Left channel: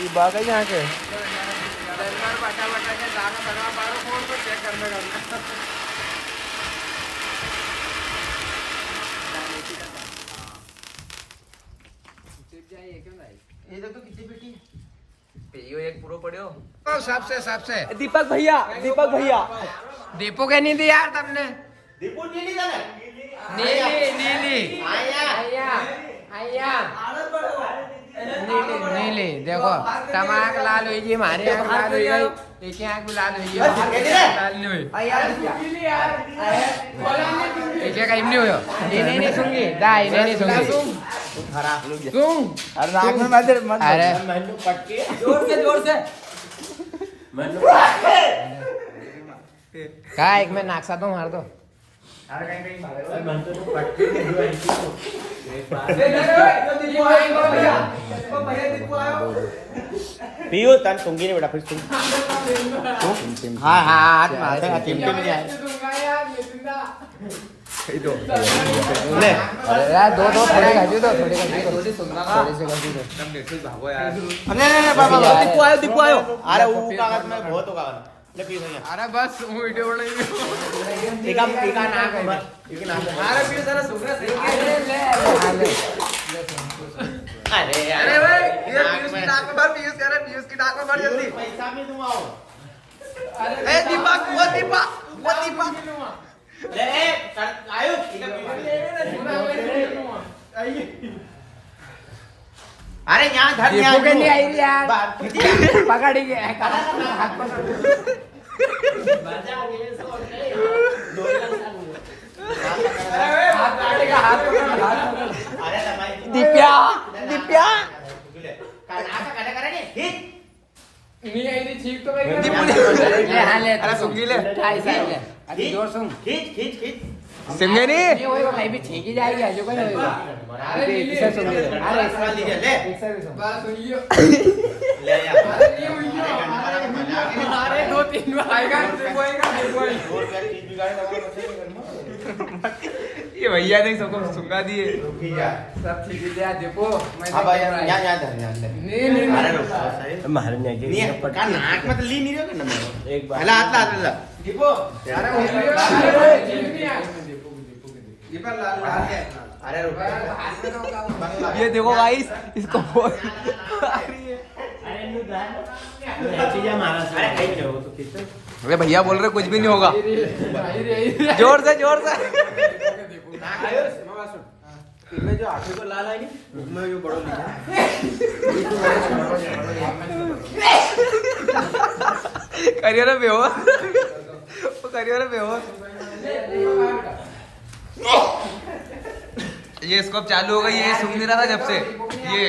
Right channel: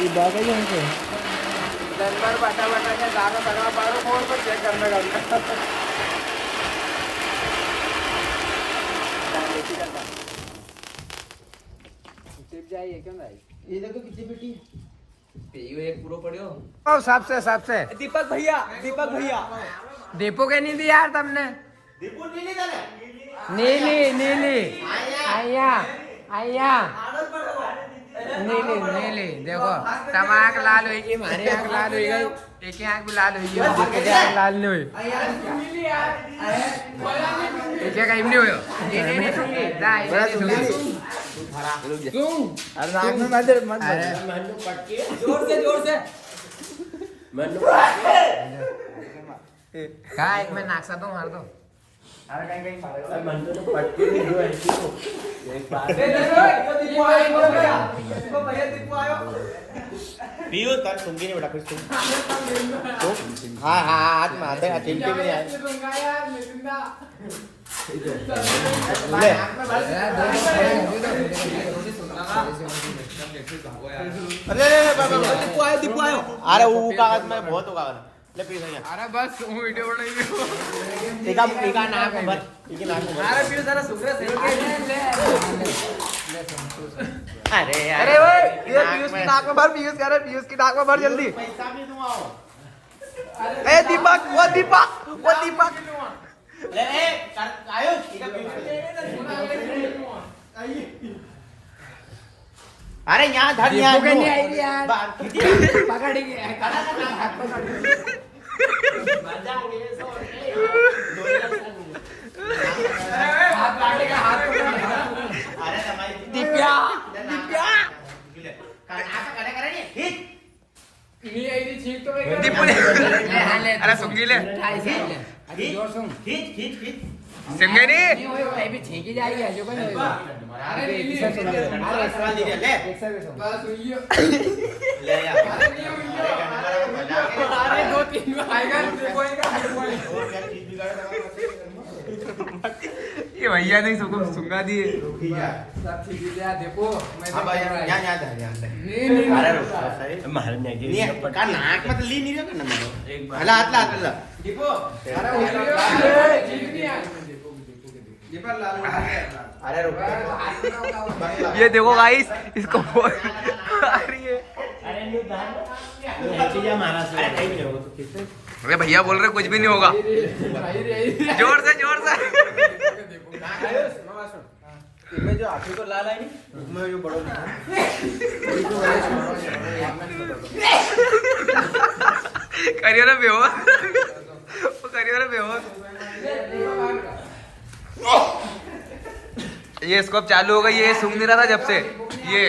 ये बात है यहाँ के नंबर बटा बटा के दाना बना पारो फोन पर चेक करने का चिप जाइए क्यों भाई ये तो कितनी बेटी पियो एक पूरा पड़ियो साहब से दीपक भैया दीपो के नहीं दी यार तुमने दीपू नीली का नीली आया नीली देखो तम आँख लाल होगी हमारी आँख लाल हो गई एक ही आँख भी लाल होगी लाल नहीं हुई एक कहीं नहीं हुई अरे नाक में मत पटके जोर से कहा एक मैं नाक सा दो मार दो पियो तार सुंगी ने बेटा फिर सुन हाँ चिमटे में यार दो थोड़े कर दो दीपू आयो अरे वो कागज में बहुत होगा ले पी भैया अरे बस हूँ वीडियो बनाई एका नाम अरे पियो सारा सुगरा से अरे भाई ये पीयूष की नाक में भर पीयूष कह रहे पीयूष की नाक में भर जल्दी पैसा भी दूंगा ए दीपक वो दीपक ले आयो एका अरे यहाँ धर दीपू के नहीं आई यार पकड़ ही गया हाथ पकड़ दिप्या नहीं आई थी ठीक तो अरे सुंगी ले जोर सुन खींच सिंगे नहीं होएगा भाई भी ठीक ही जाएगी जो कोई होएगा अरे सवाल दीजिए ले बस सुनियो ले यार अरे 2-3 बार आएगा ये भैया ने सबको सुंगा दिए सब ठीक है यार देखो मैं अब यहाँ नहीं अरे रुक नहीं का नाक में तो ली नहीं रहा ना मारो एक बार हाथ दीपो अरे अरे रुक ये देखो गाइस इसको आ रही है अरे भैया बोल रहे कुछ भी नहीं होगा जोर से इसमें जो आंखों को लाल है नहीं उसमें जो बड़ो दिखा करियो ना बेहोश वो करियो ना बेहोश ये स्कोप चालू हो गई ये सुन नहीं रहा था जब से ये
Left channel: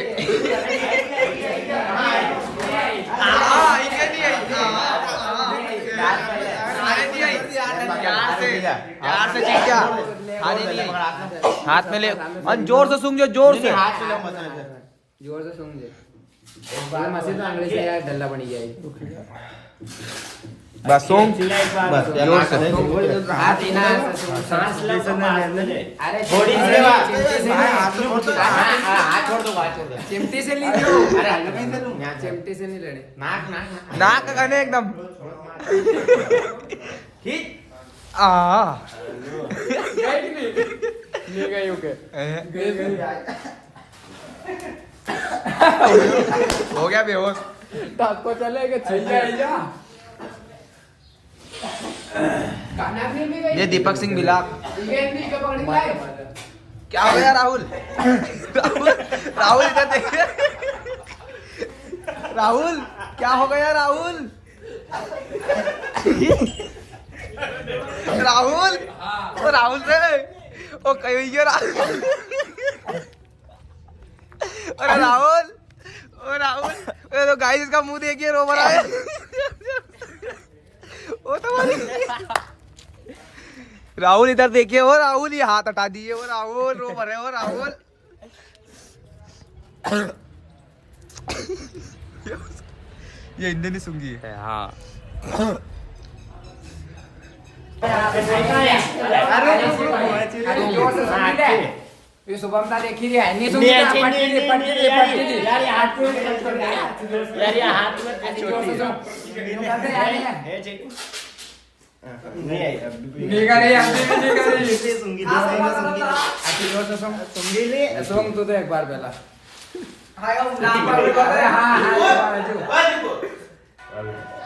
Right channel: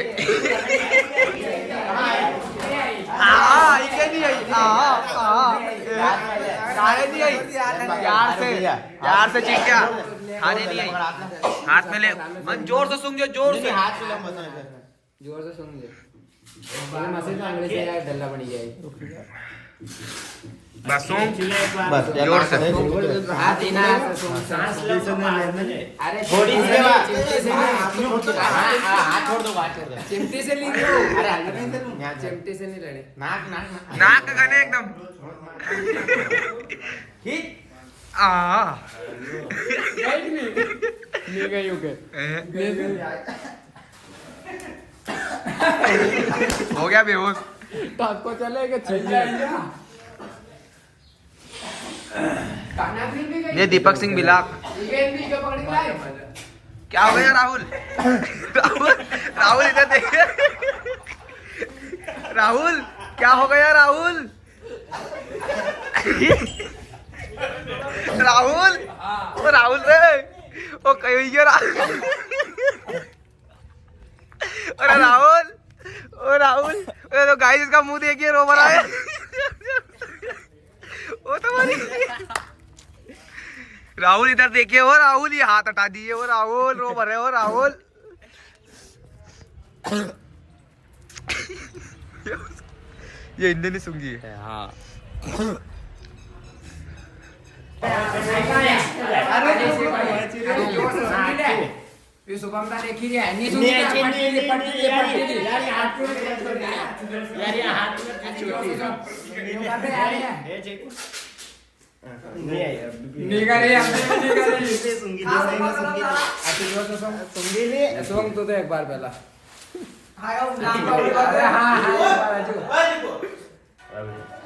यार से चीख क्या हाथ में ले जोर से सूंघ जोर से हाथ से जोर से सूंघ मसीद में अंग्रेजी से डल्ला बनी जाएगी बस सूंघ बस जोर से हाथ इना अरे थोड़ी सी हाथ छोड़ दो चिमटी से ली लो अरे चिमटी से नहीं लड़े नाक नाक गने एकदम ठीक हो गया बेहोश आपको चलेगा चाहिए ये दीपक सिंह बिलाक क्या हो गया राहुल राहुल इधर देखिए राहुल क्या हो गया राहुल राहुल ओ राहुल रे ओ कहिए राहुल अरे राहुल ओ राहुल तो गाइस इसका मुंह देखिए रो रहा है ओ तो राहुल इधर देखिए वो राहुल ये हाथ हटा दिए वो राहुल रो रहे हो राहुल ये इंडियन ही सूंघी है हाँ ये शुभम का देखी रही है नहीं सुन पट्टी यार ये हाथ में यार ये हाथ में नहीं आई नहीं करे सुन तो एक बार पहला अरे हाँ हाँ एक बार अजू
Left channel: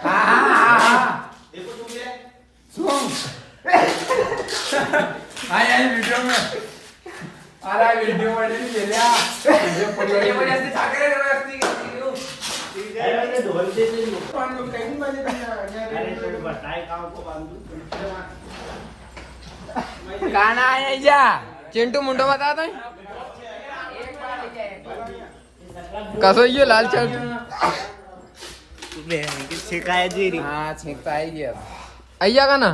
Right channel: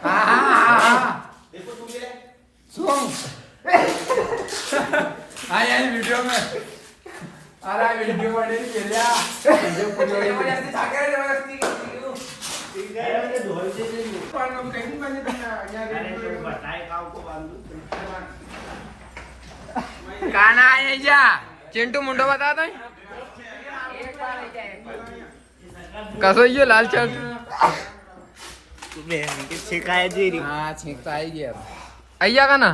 हाँ हाँ हाँ सुन हाँ यार वीडियो में अरे वीडियो में नहीं खेला वीडियो पूरी बड़ी सागर ने व्यक्ति अरे तुम बताए गाँव को बांधू गाना है क्या चिंटू मुंडो बता दो कसो ये लाल शर्ट शिकायत जी रही हाँ छेकता है ये अय्या का ना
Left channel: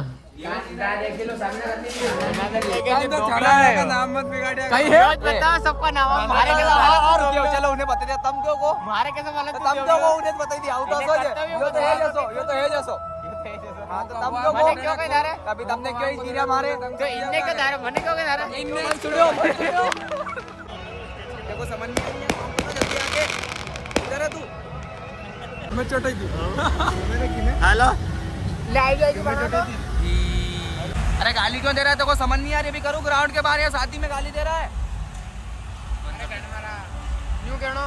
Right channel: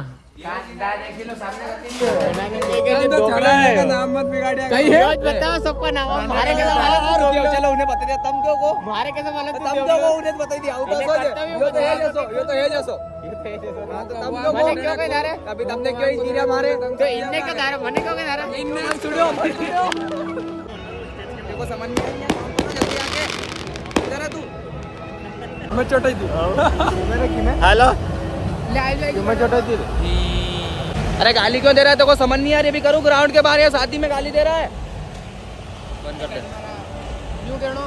नाम मत बिगाड़िया कहीं है बता सबका नाम हमारे कैसे मालूम चलो उन्हें बता दिया तुम क्यों को हमारे कैसे मालूम तुम क्यों को उन्हें बता दिया आउट ऑफ ये तो है जैसो हाँ तो तुम क्यों मने क्यों कह रहे कभी तुमने क्यों इंजीनियर मारे तो इनने क्यों धारे मने क्यों कह रहे इनने छुड़ो देखो समझ नहीं आई है काम करना जल्दी आके इधर है तू मैं चोटाई थी हेलो मैं चोटाई थी अरे गाली क्यों दे रहा है तो को समझ नहीं आ रही अभी करूँ ग्राउंड के बाहर या शादी में गाली दे रहा है क्यों कहना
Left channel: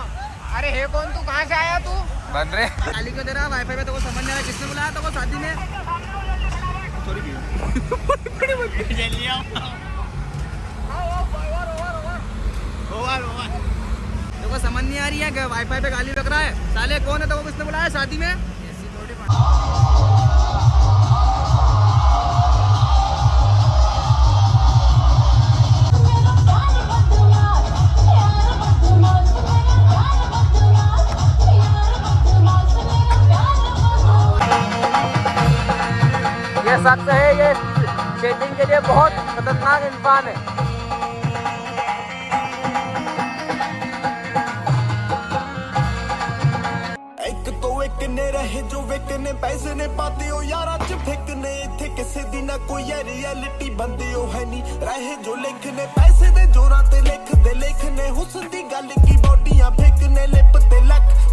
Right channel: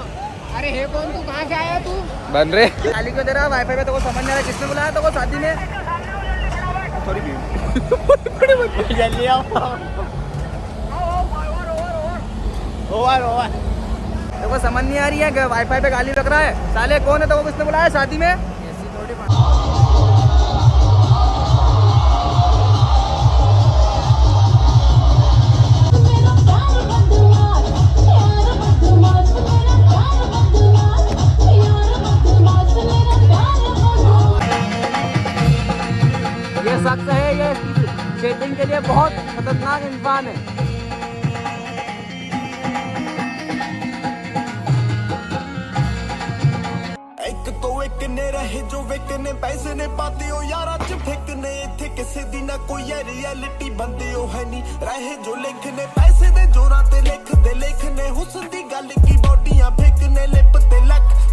अरे हे कौन तू कहाँ से आया तू बन रहे गाली क्यों दे रहा है वाईफाई पे तो को समझ नहीं आ रहा किसने बुलाया तो को शादी में थोड़ी जल्दी आओ ओवर तो को समझ नहीं आ रही है वाईफाई पे गाली रख रहा है साले कौन है तो को किसने बुलाया शादी में शख्स है ये शेडिंग के लिए बहुत खतरनाक इंसान है एक तो एक ने रहे जो वेकने पैसे ने पाते हो यारा च फेकने इथे किसे दी ना कोई रियलिटी बंदे हो है नहीं रहे जो लिखने पैसे दे जोरां ते लिखदे लिखने हुस्न दी गल की बॉडियां फेकने लिप ते लक